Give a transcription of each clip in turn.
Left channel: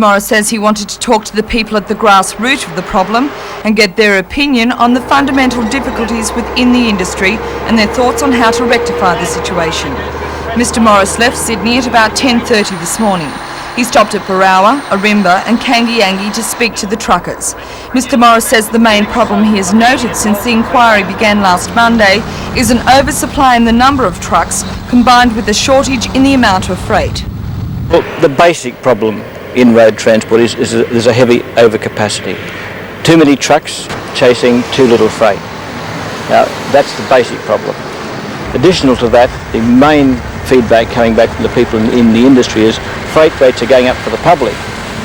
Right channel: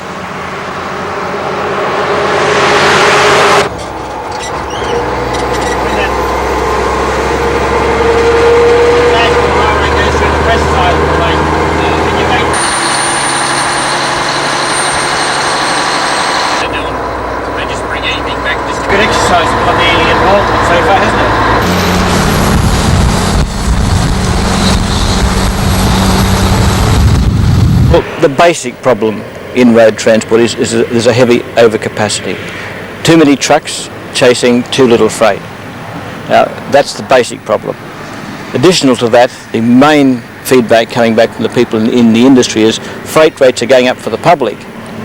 Mr Morris says he wanted to talk to the people at the grassroots of the problem and get their opinion on the fundamental difficulties within the industry and their thoughts on how to rectify the situation. Mr Morris left Sydney at about 10:30 this morning. He stopped at Barawa, Arimba and Kandiyangi to speak to the truckers. Mr Morris says the main problem he has noticed since the inquiry began last Monday is an oversupply in the number of trucks combined with a shortage in the amount of freight. Well, the basic problem in road transport is there's a heavy overcapacity. Too many trucks chasing too little freight. Now, that's the basic problem. Additional to that, the main feedback coming back from the people in the industry is freight rates are going up for the public,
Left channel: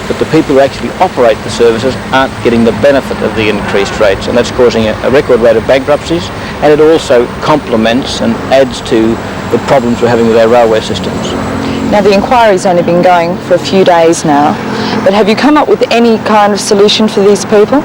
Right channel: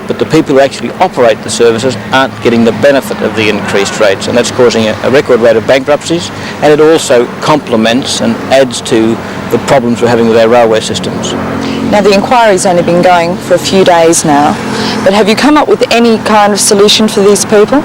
but the people who actually operate the services aren't getting the benefit of the increased rates, and that's causing a record rate of bankruptcies, and it also complements and adds to the problems we're having with our railway systems. Now, the inquiry's only been going for a few days now, but have you come up with any kind of solution for these people?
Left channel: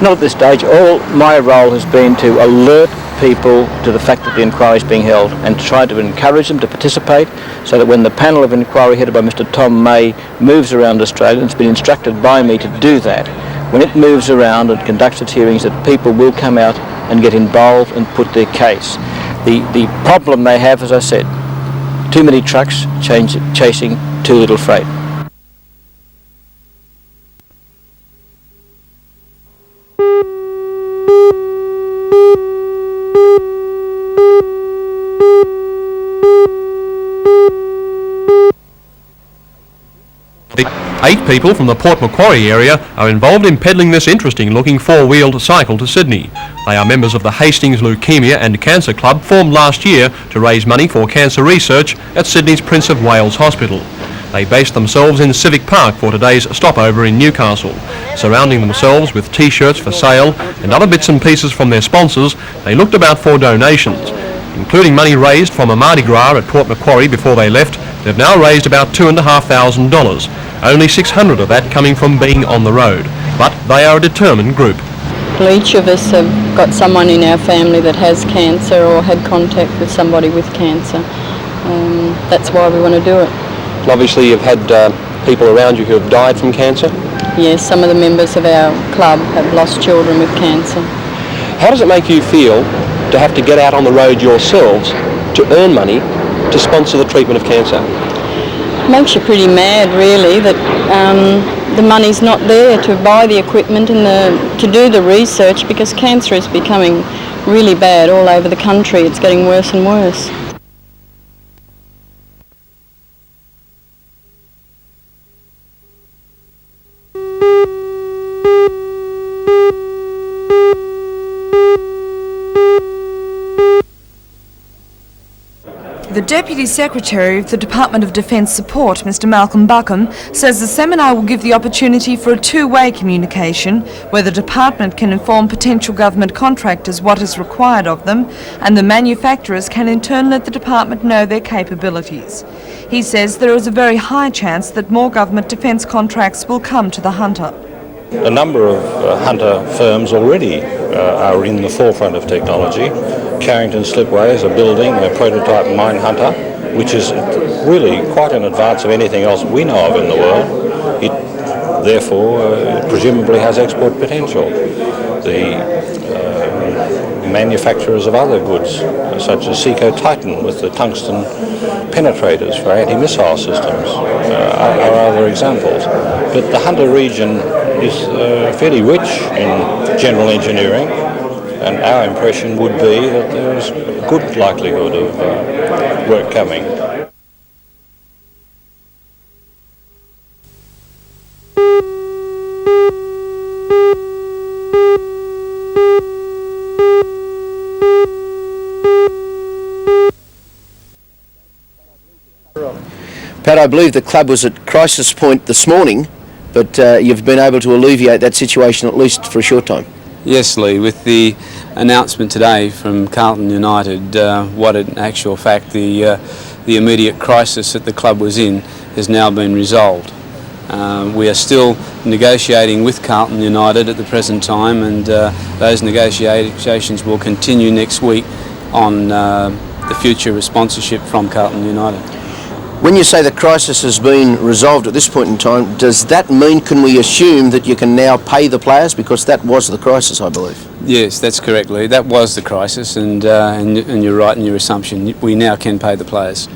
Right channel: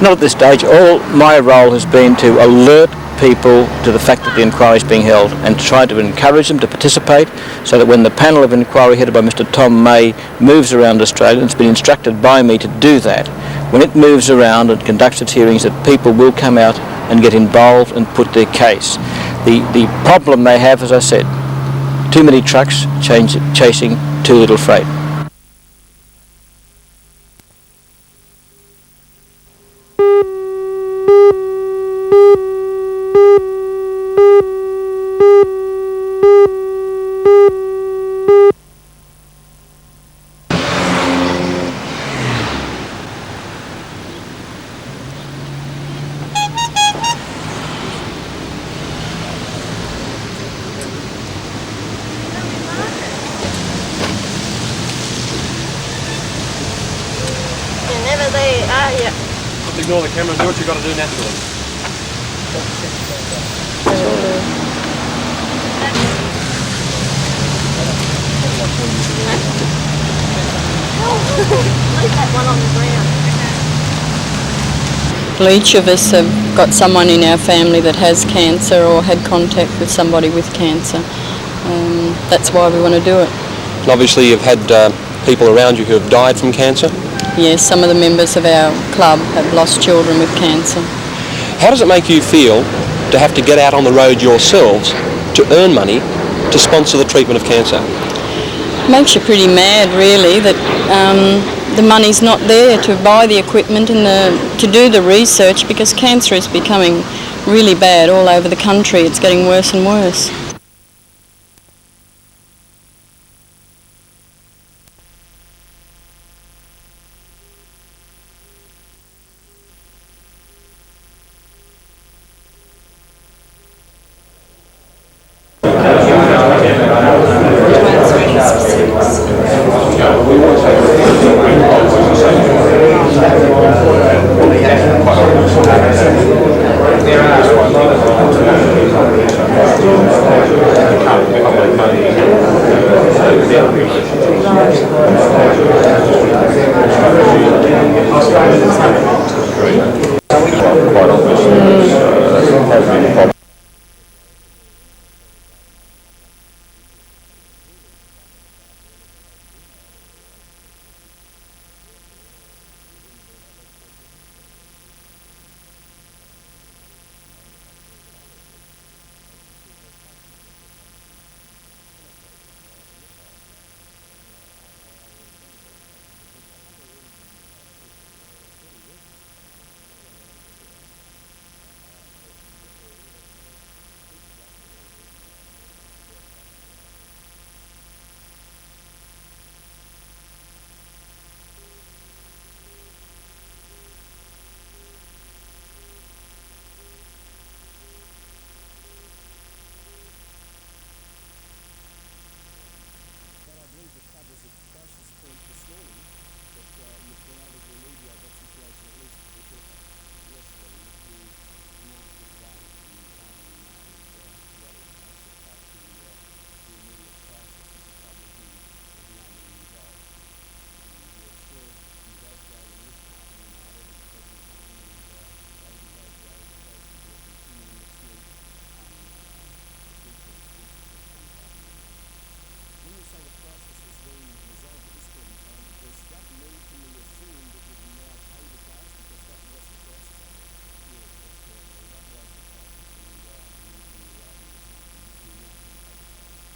Not at this stage. All my role has been to alert people to the fact that the inquiry is being held and to try to encourage them to participate so that when the panel of inquiry headed by Mr Tom May moves around Australia, and it's been instructed by me to do that, when it moves around and conducts its hearings, that people will come out and get involved and put their case. The problem they have, as I said, too many trucks chasing too little freight. People from the Port Macquarie area are involved in peddling this interesting-looking four-wheeled cycle to Sydney. They are members of the Hastings Leukemia and Cancer Club, formed last year to raise money for cancer research at Sydney's Prince of Wales Hospital. They based themselves in Civic Park for today's stopover in Newcastle. Surrounding themselves with T-shirts for sale and other bits and pieces from their sponsors, they looked about for donations. Including money raised from a Mardi Gras at Port Macquarie before they left, they've now raised about $2,500. Only 600 of that coming from being on the road, but they are a determined group. Well, each of us have got someone in our family that has cancer or had contact with somebody with cancer. That's why we want to do it. And obviously you've had people around you who have died from cancer? Yes, some of the members of our club have lost children with cancer. How does it make you feel to have to get out on the road yourselves to earn money to sponsor the treatment of cancer? It makes you pretty mad, really, that the money's not there to buy the equipment and to do the research, because cancer is becoming really bad all over the country. It's getting worse and worse. Says the seminar will give the opportunity for a two-way communication where the department can inform potential government contractors what is required of them, and the manufacturers can in turn let the department know their capabilities. He says there is a very high chance that more government defence contracts will come to the hunter. A number of hunter firms already are in the forefront of technology. Carrington Slipway is a building, a prototype mine hunter, which is really quite in advance of anything else we know of in the world. It therefore presumably has export potential. The manufacturers of other goods, such as Seco Titan with the tungsten penetrators for anti-missile systems, are other examples. But the Hunter region is fairly rich in general engineering, and our impression would be that there's a good likelihood of work coming. Pat, I believe the club was at crisis point this morning, but you've been able to alleviate that situation at least for a short time. Yes, Lee, with the announcement today from Carlton United, what in actual fact the immediate crisis that the club was in has now been resolved. We are still negotiating with Carlton United at the present time, and those negotiations will continue next week on the future of sponsorship from Carlton United. When you say the crisis has been resolved at this point in time, does that mean, can we assume that you can now pay the players? Because that was the crisis, I believe. Yes, that's correct, Lee. That was the crisis, and you're right in your assumption. We now can pay the players.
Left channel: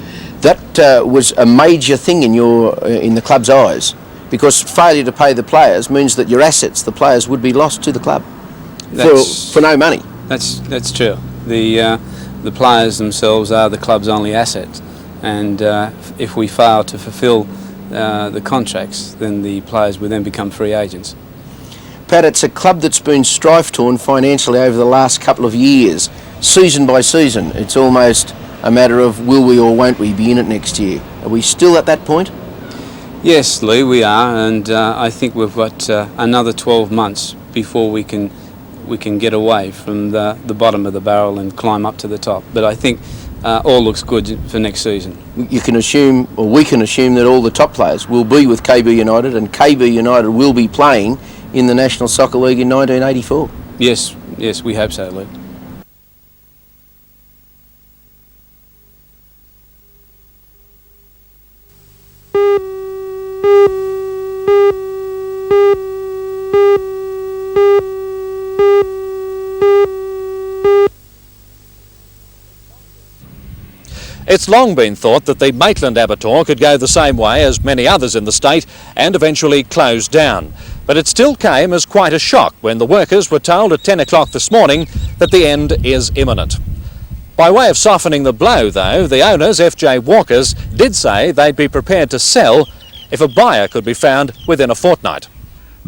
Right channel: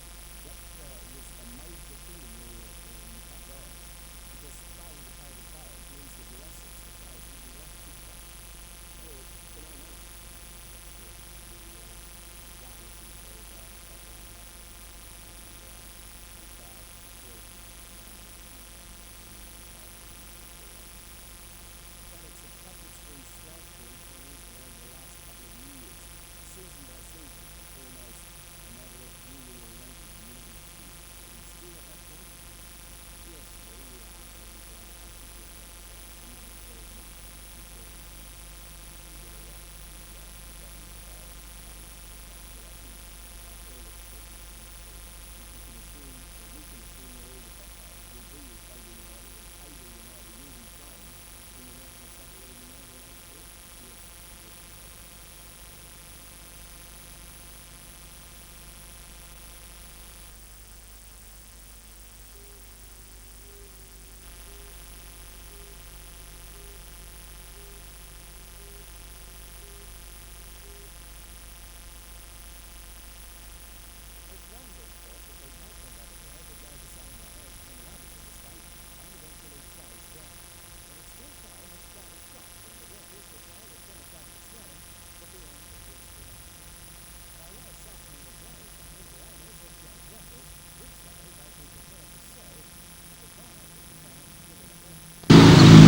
That was a major thing in the club's eyes, because failure to pay the players means that your assets, the players, would be lost to the club for no money. That's true. The players themselves are the club's only asset, and if we fail to fulfil the contracts, then the players will then become free agents. Pat, it's a club that's been strife-torn financially over the last couple of years, season by season. It's almost a matter of will we or won't we be in it next year. Are we still at that point? Yes, Lee, we are, and I think we've got another 12 months before we can get away from the bottom of the barrel and climb up to the top. But I think all looks good for next season. You can assume, or we can assume, that all the top players will be with KB United, and KB United will be playing in the National Soccer League in 1984. Yes, we hope so, Lee. It's long been thought that the Maitland Abattoir could go the same way as many others in the state and eventually close down. But it still came as quite a shock when the workers were told at 10 o'clock this morning that the end is imminent. By way of softening the blow, though, the owners, FJ Walkers, did say they'd be prepared to sell if a buyer could be found within a fortnight.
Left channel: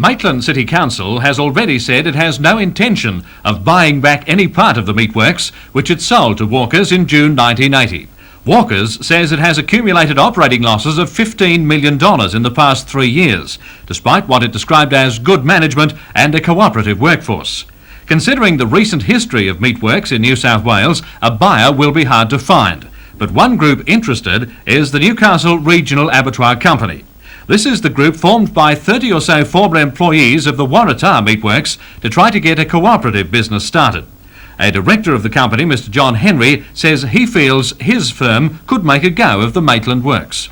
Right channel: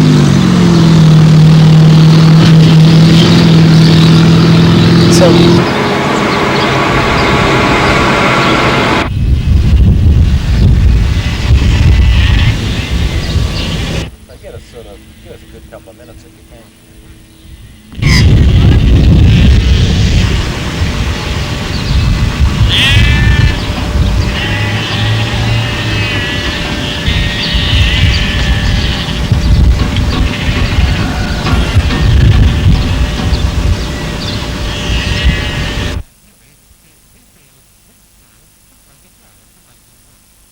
Maitland City Council has already said it has no intention of buying back any part of the meatworks which it sold to Walkers in June 1980. Walkers says it has accumulated operating losses of $15 million in the past 3 years, despite what it described as good management and a cooperative workforce. Considering the recent history of meatworks in New South Wales, a buyer will be hard to find. But one group interested is the Newcastle Regional Abattoir Company. This is the group formed by 30 or so former employees of the Waratah Meatworks to try to get a cooperative business started. A director of the company, Mr. John Henry, says he feels his firm could make a go of the Maitland Works.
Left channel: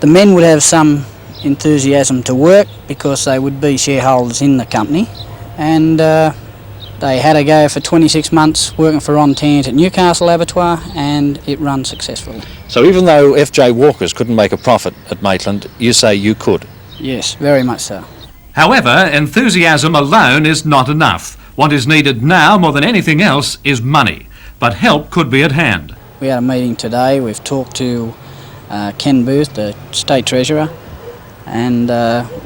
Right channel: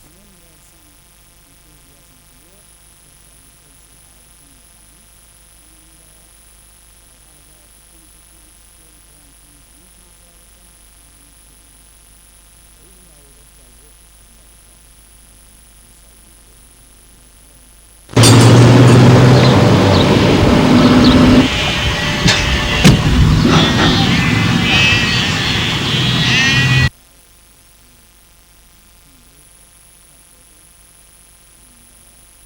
The men would have some enthusiasm to work because they would be shareholders in the company, and they had a go for 26 months working for Ron Tant at Newcastle Abattoir, and it ran successfully. So even though FJ Walkers couldn't make a profit at Maitland, you say you could? Yes, very much so. However, enthusiasm alone is not enough. What is needed now more than anything else is money, but help could be at hand. At our meeting today, we've talked to Ken Booth, the State Treasurer, and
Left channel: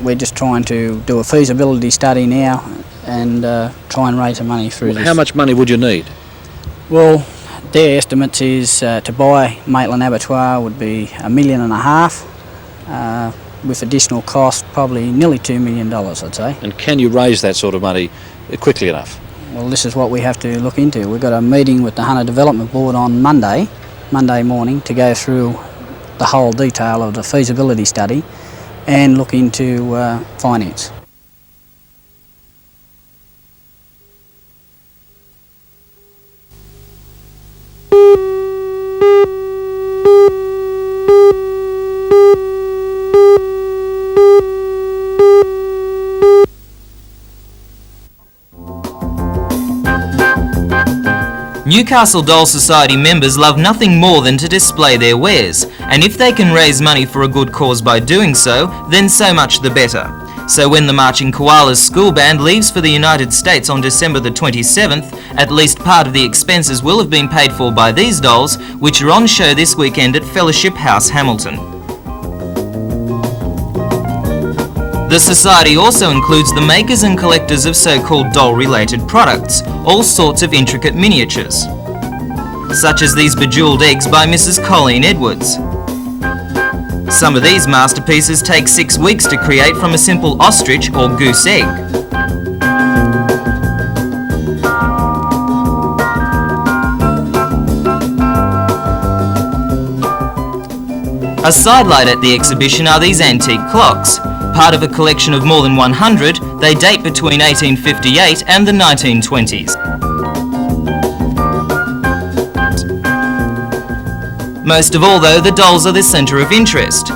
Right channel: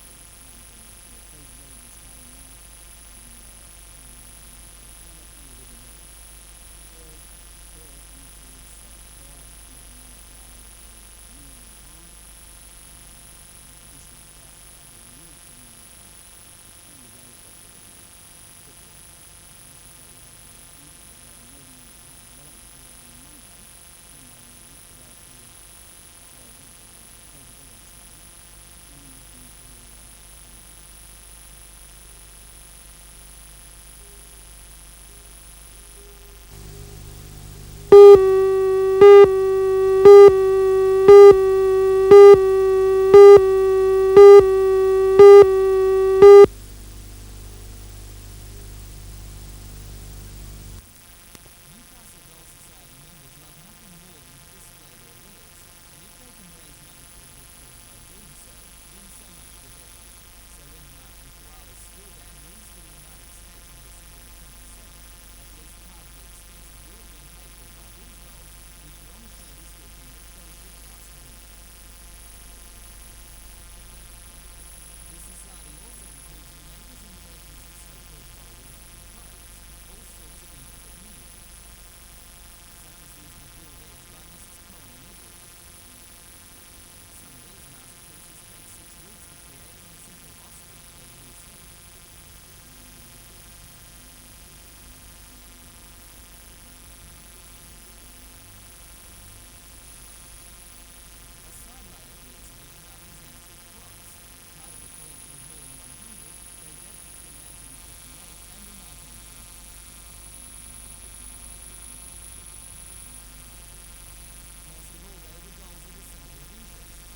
we're just trying to do a feasibility study now and try and raise the money through this. How much money would you need? Well, their estimates is to buy Maitland Abattoir would be $1.5 million. With additional cost, probably nearly $2 million, I'd say. And can you raise that sort of money quickly enough? Well, this is what we have to look into. We've got a meeting with the Hunter Development Board on Monday morning, to go through the whole detail of the feasibility study and look into finance. Newcastle Doll Society members love nothing more than to display their wares, and if they can raise money for a good cause by doing so, then so much the better. So when the Marching Koalas school band leaves for the United States on December the 27th, at least part of the expenses will have been paid for by these dolls, which are on show this weekend at Fellowship House, Hamilton. The Society also includes the makers and collectors of so-called doll-related products, all sorts of intricate miniatures, such as these bejewelled eggs by Mrs. Colleen Edwards. Some of these masterpieces take 6 weeks to create from a simple ostrich or goose egg. A sidelight at the exhibition are these antique clocks. Part of a collection of more than 100, they date between 1858 and the 1920s. Most of all though, the dolls are the centre of interest.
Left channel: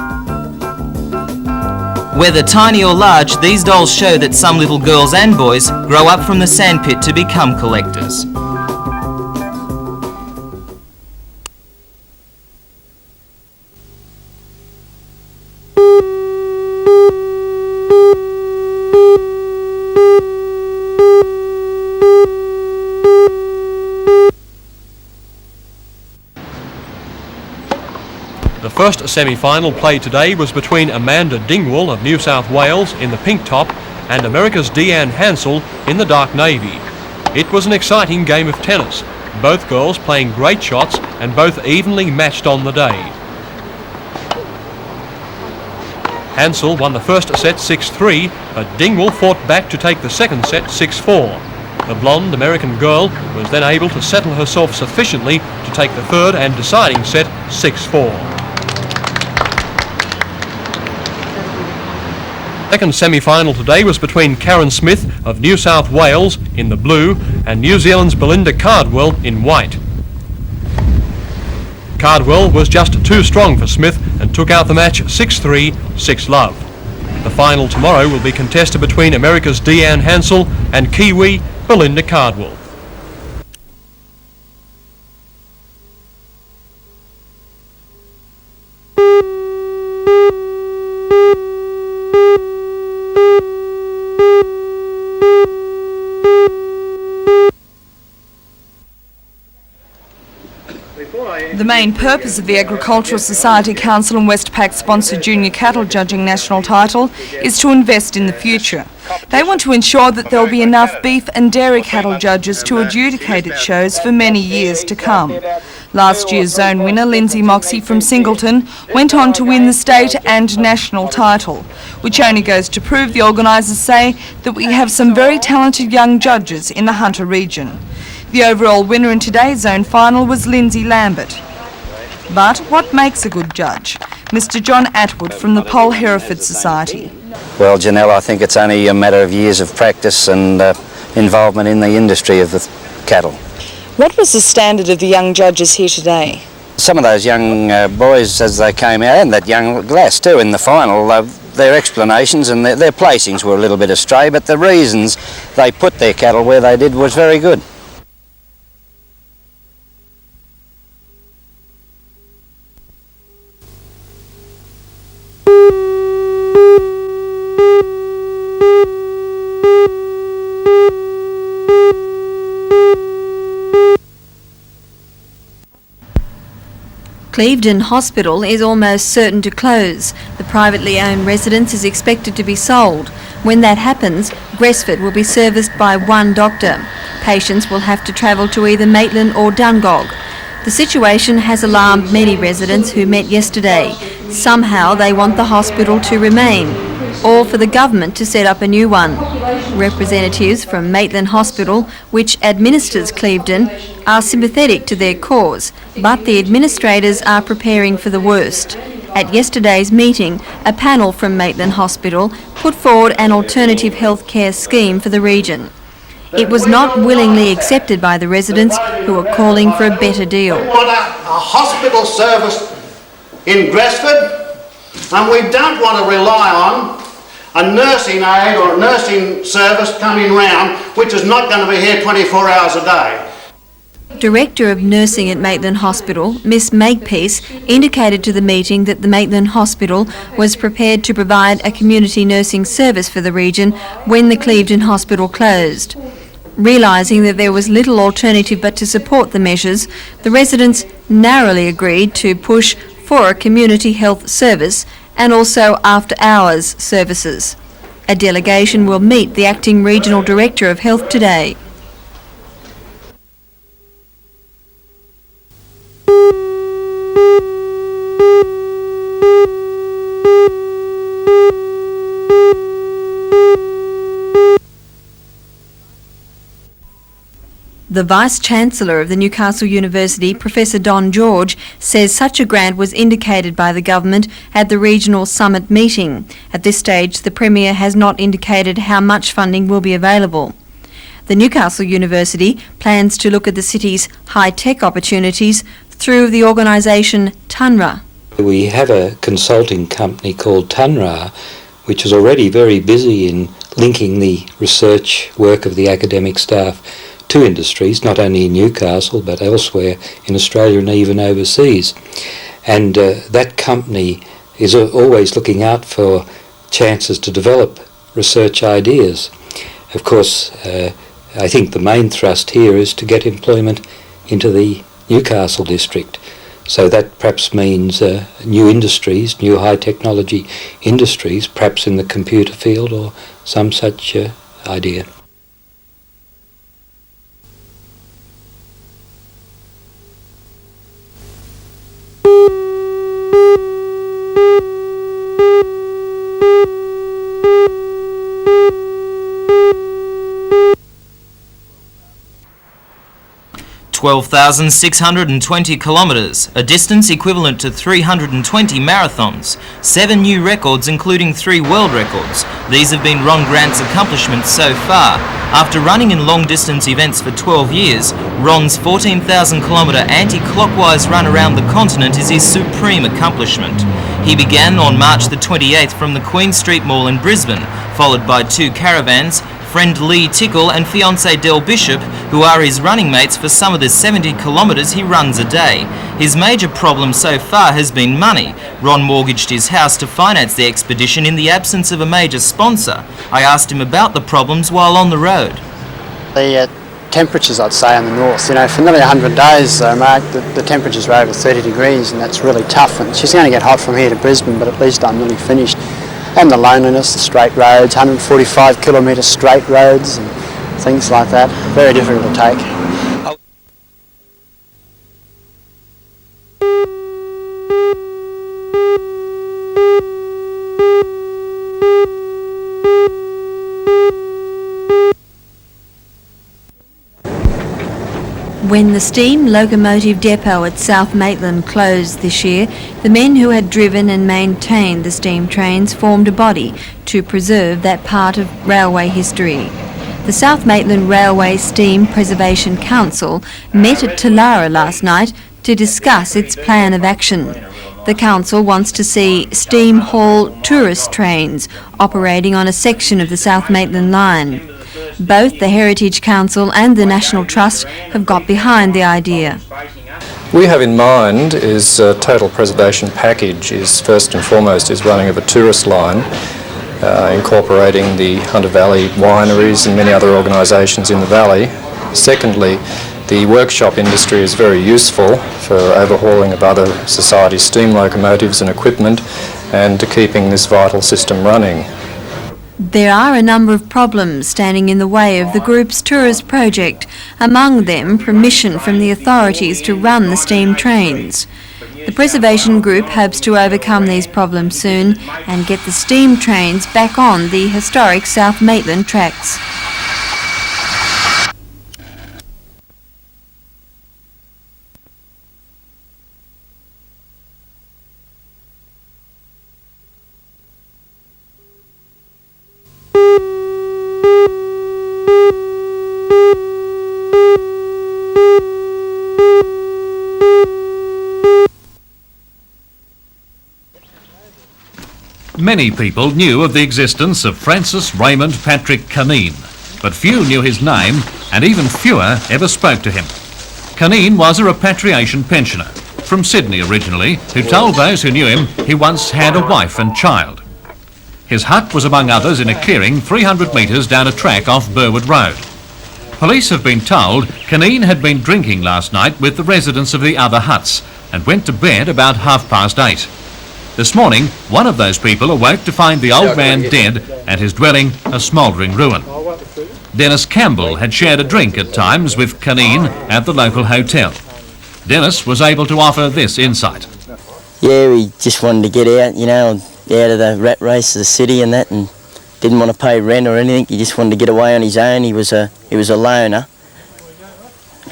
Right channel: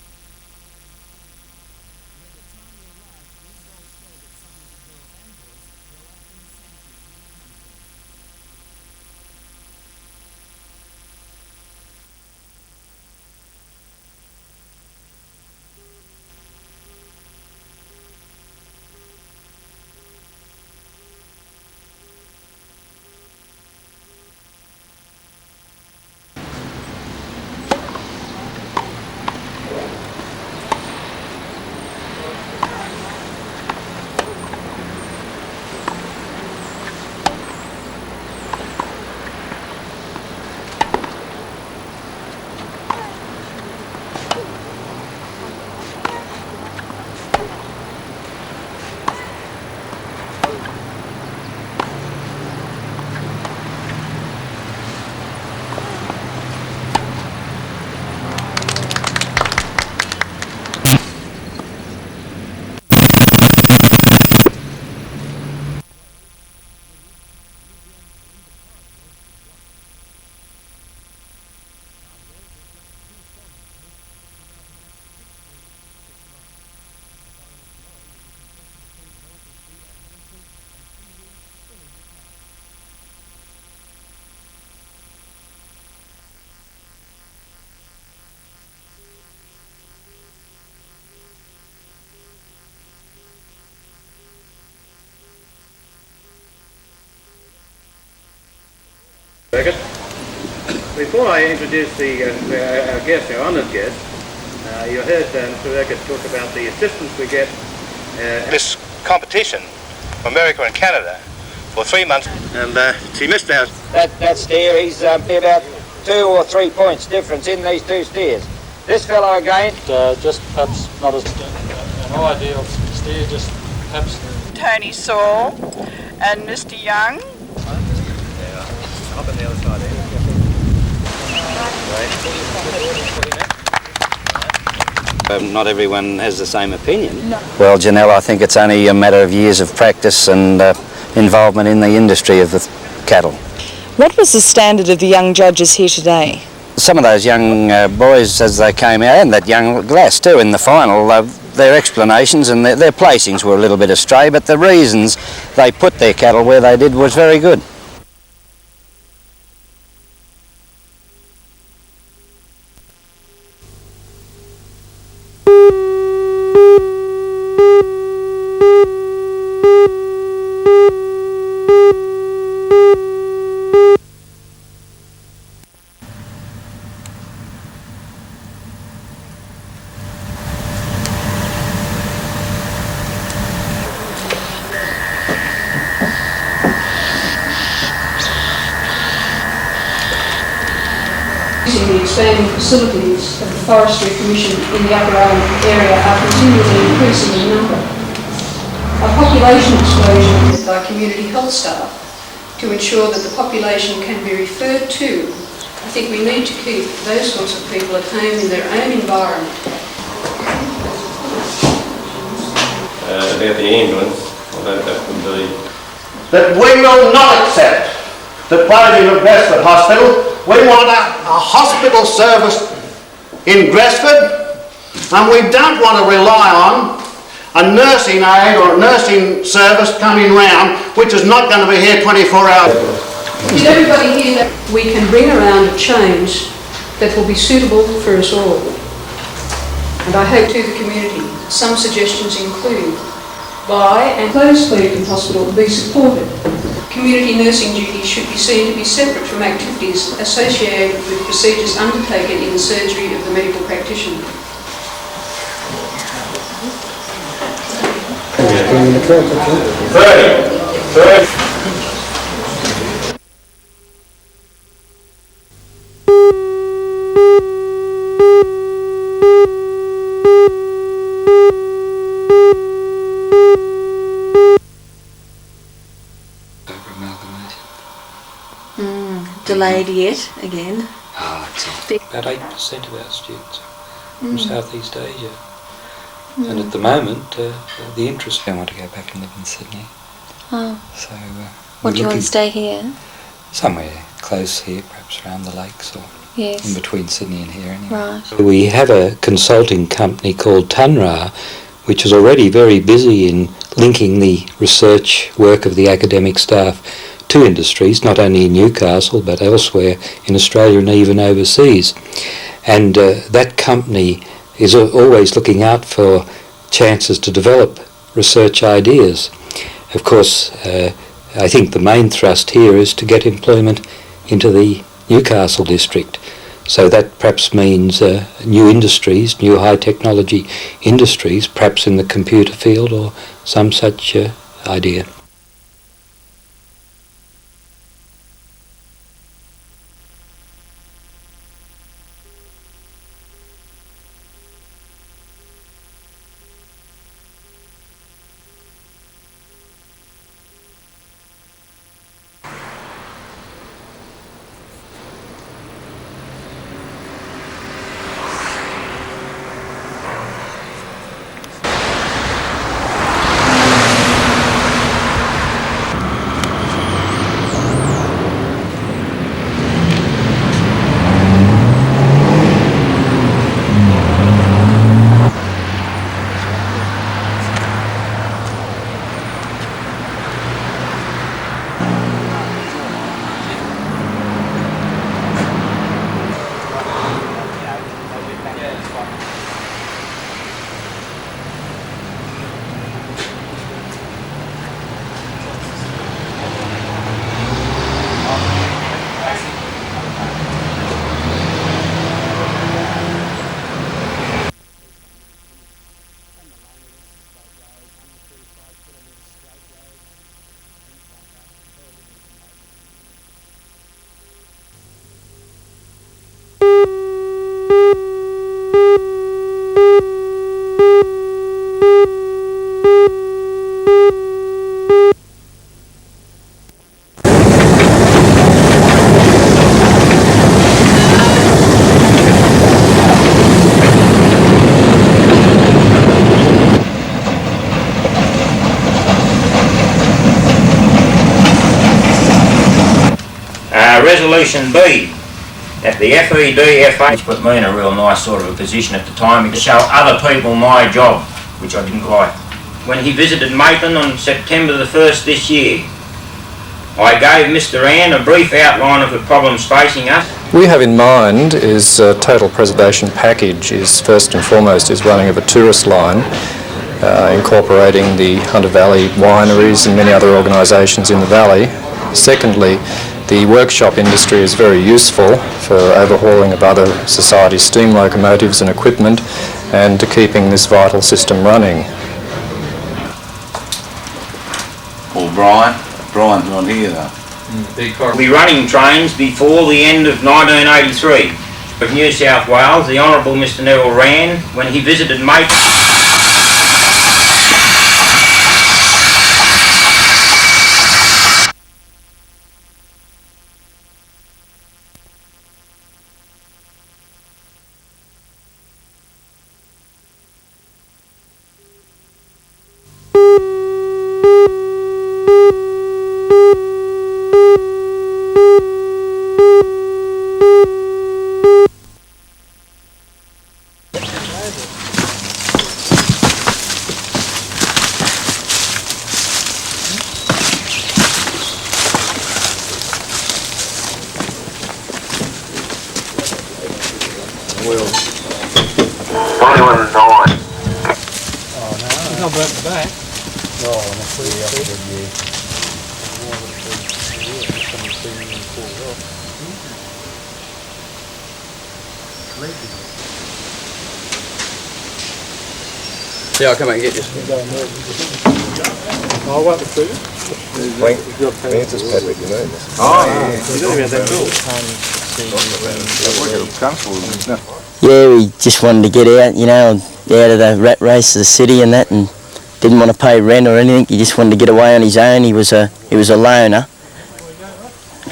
Whether tiny or large, these dolls show that some little girls and boys grow up from the sandpit to become collectors. The first semi-final played today was between Amanda Dingwall of New South Wales in the pink top and America's Deanne Hansel in the dark navy. It was an exciting game of tennis, both girls playing great shots and both evenly matched on the day. Hansel won the first set 6-3, but Dingwall fought back to take the second set 6-4. The blonde American girl was then able to settle herself sufficiently to take the third and deciding set 6-4. Second semi-final today was between Karen Smith of New South Wales in the blue and New Zealand's Belinda Cardwell in white. Cardwell was just too strong for Smith and took out the match 6-3, 6-love. The final tomorrow will be contested between America's Deanne Hansel and Kiwi Belinda Cardwell. The main purpose of the Agricultural Society Council and Westpac-sponsored junior cattle judging national title is to invest in the future. They want to ensure that there will be enough beef and dairy cattle judges to adjudicate at shows for many years to come. Last year's zone winner, Lindsay Moxie from Singleton, went on to win the state and national title, which only goes to prove the organisers say that we have some very talented young judges in the Hunter region. The overall winner in today's zone final was Lindsay Lambert. But what makes a good judge? Mr John Atwood from the Pole Hereford Society. Well, Janelle, I think it's only a matter of years of practice and involvement in the industry of the cattle. What was the standard of the young judges here today? Some of those young boys as they came out, and that young Glass too in the final, their explanations and their placings were a little bit astray, but the reasons they put their cattle where they did was very good. Clevedon Hospital is almost certain to close. The privately owned residence is expected to be sold. When that happens, Gresford will be serviced by one doctor. Patients will have to travel to either Maitland or Dungog. The situation has alarmed many residents who met yesterday. Somehow they want the hospital to remain, or for the government to set up a new one. Representatives from Maitland Hospital, which administers Clevedon, are sympathetic to their cause, but the administrators are preparing for the worst. At yesterday's meeting, a panel from Maitland Hospital put forward an alternative healthcare scheme for the region. It was not willingly accepted by the residents, calling for a better deal. We want a hospital service in Gresford, and we don't want to rely on a nursing aid or a nursing service coming round, which is not going to be here 24 hours a day. Director of Nursing at Maitland Hospital, Miss Makepeace, indicated to the meeting that the Maitland Hospital was prepared to provide a community nursing service for the region when the Clevedon Hospital closed. Realising that there was little alternative but to support the measures, the residents narrowly agreed to push for a community health service and also after-hours services. A delegation will meet the Acting Regional Director of Health today. The Vice-Chancellor of the Newcastle University, Professor Don George, says such a grant was indicated by the government at the regional summit meeting. At this stage, the Premier has not indicated how much funding will be available. The Newcastle University plans to look at the city's high-tech opportunities through the organisation TUNRA. We have a consulting company called TUNRA, which is already very busy in linking the research work of the academic staff to industries, not only in Newcastle but elsewhere in Australia and even overseas. And that company is always looking out for chances to develop research ideas. Of course, I think the main thrust here is to get employment into the Newcastle district. So that perhaps means new industries, new high technology industries, perhaps in the computer field or some such idea. (12,620 kilometres), a distance equivalent to 320 marathons, 7 new records including 3 world records. These have been Ron Grant's accomplishments so far. After running in long-distance events for 12 years, Ron's 14,000-kilometre anti-clockwise run around the continent is his supreme accomplishment. He began on March the 28th from the Queen Street Mall in Brisbane, followed by 2 caravans, friend Lee Tickle and fiancée Del Bishop, who are his running mates for some of the 70 kilometres he runs a day. His major problem so far has been money. Ron mortgaged his house to finance the expedition in the absence of a major sponsor. I asked him about the problems while on the road. The temperatures, I'd say, in the north, for nearly 100 days, Mark, the temperatures were over 30 degrees, and that's really tough. And it's just going to get hot from here to Brisbane, but at least I'm nearly finished. And the loneliness, the straight roads, 145 kilometre straight roads and things like that. Very difficult to take. When the steam locomotive depot at South Maitland closed this year, the men who had driven and maintained the steam trains formed a body to preserve that part of railway history. The South Maitland Railway Steam Preservation Council met at Tulare last night to discuss its plan of action. The council wants to see steam-hauled tourist trains operating on a section of the South Maitland line. Both the Heritage Council and the National Trust have got behind the idea. We have in mind is a total preservation package is first and foremost is running of a tourist line, incorporating the Hunter Valley wineries and many other organisations in the valley. Secondly, the workshop industry is very useful for overhauling of other societies' steam locomotives and equipment and to keeping this vital system running. There are a number of problems standing in the way of the group's tourist project, among them permission from the authorities to run the steam trains. The Preservation Group hopes to overcome these problems soon and get the steam trains back on the historic South Maitland tracks. Many people knew of the existence of Francis Raymond Patrick Caneen, but few knew his name and even fewer ever spoke to him. Caneen was a repatriation pensioner, from Sydney originally, who told those who knew him he once had a wife and child. His hut was among others in a clearing 300 metres down a track off Burwood Road. Police have been told Caneen had been drinking last night with the residents of the other huts and went to bed about 8:30. This morning, one of those people awoke to find the old man dead and his dwelling a smouldering ruin. Dennis Campbell had shared a drink at times with Caneen at the local hotel. Dennis was able to offer this insight. Yeah, we just wanted to get out, out of the rat race of the city and that, and didn't want to pay rent or anything. He just wanted to get away on his own. He was a loner,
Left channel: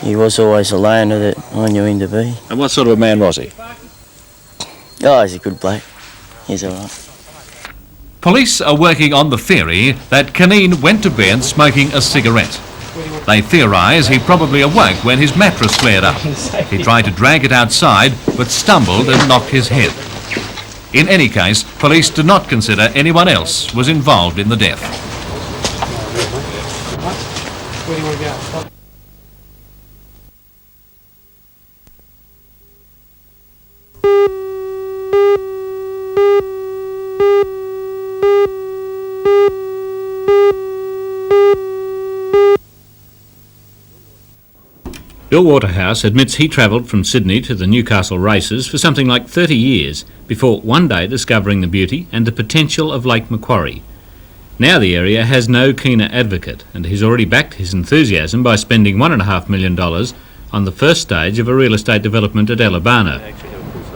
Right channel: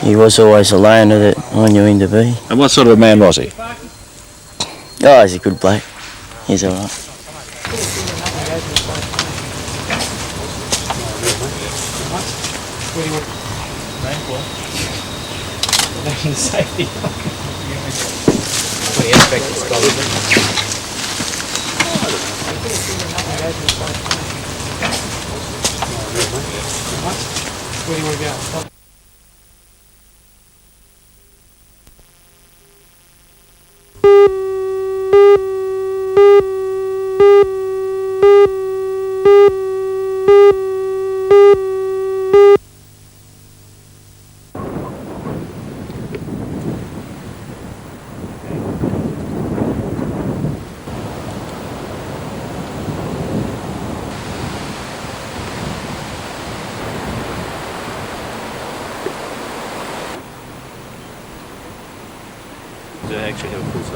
he was always a loner that I knew him to be. And what sort of a man was he? Oh, he's a good bloke. He's all right. Police are working on the theory that Canine went to bed smoking a cigarette. They theorise he probably awoke when his mattress flared up. He tried to drag it outside, but stumbled and knocked his head. In any case, police do not consider anyone else was involved in the death. Where do you want to go? Bill Waterhouse admits he travelled from Sydney to the Newcastle races for something like 30 years before one day discovering the beauty and the potential of Lake Macquarie. Now the area has no keener advocate, and he's already backed his enthusiasm by spending $1.5 million on the first stage of a real estate development at Alabano.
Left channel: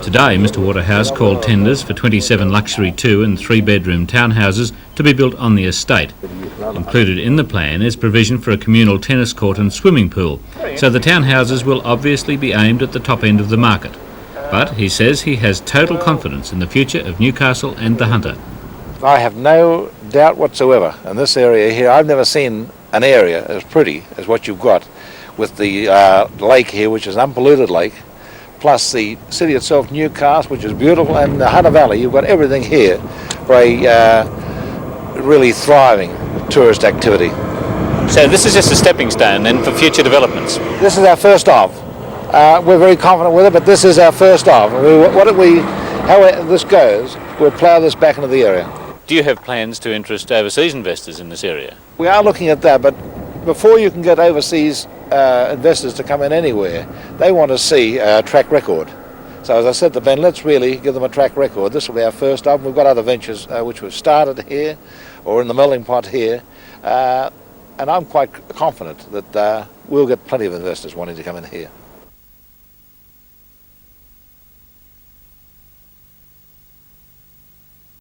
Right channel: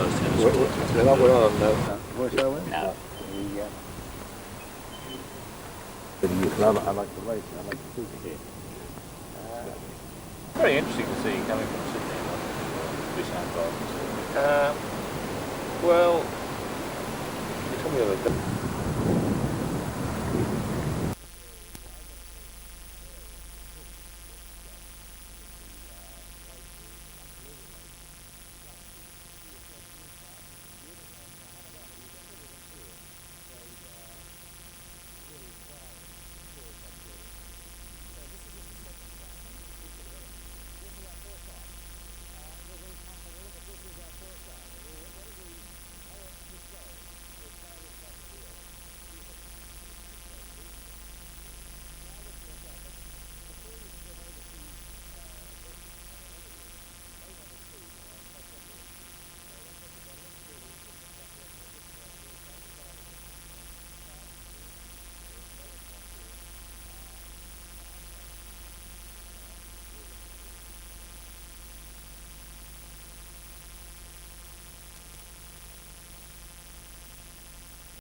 Today, Mr Waterhouse called tenders for 27 luxury 2- and 3-bedroom townhouses to be built on the estate. Included in the plan is provision for a communal tennis court and swimming pool, so the townhouses will obviously be aimed at the top end of the market. But he says he has total confidence in the future of Newcastle and the Hunter. I have no doubt whatsoever in this area here. I've never seen an area as pretty as what you've got with the lake here, which is an unpolluted lake, plus the city itself, Newcastle, which is beautiful, and the Hunter Valley. You've got everything here for a really thriving tourist activity. So this is just a stepping stone then for future developments? This is our first of. We're very confident with it, but this is our first of. How this goes, we'll plough this back into the area. Do you have plans to interest overseas investors in this area? We are looking at that, but before you can get overseas investors to come in anywhere, they want to see a track record. So as I said to Ben, let's really give them a track record. This will be our first of. We've got other ventures which we've started here or in the melting pot here, and I'm quite confident that we'll get plenty of investors wanting to come in here.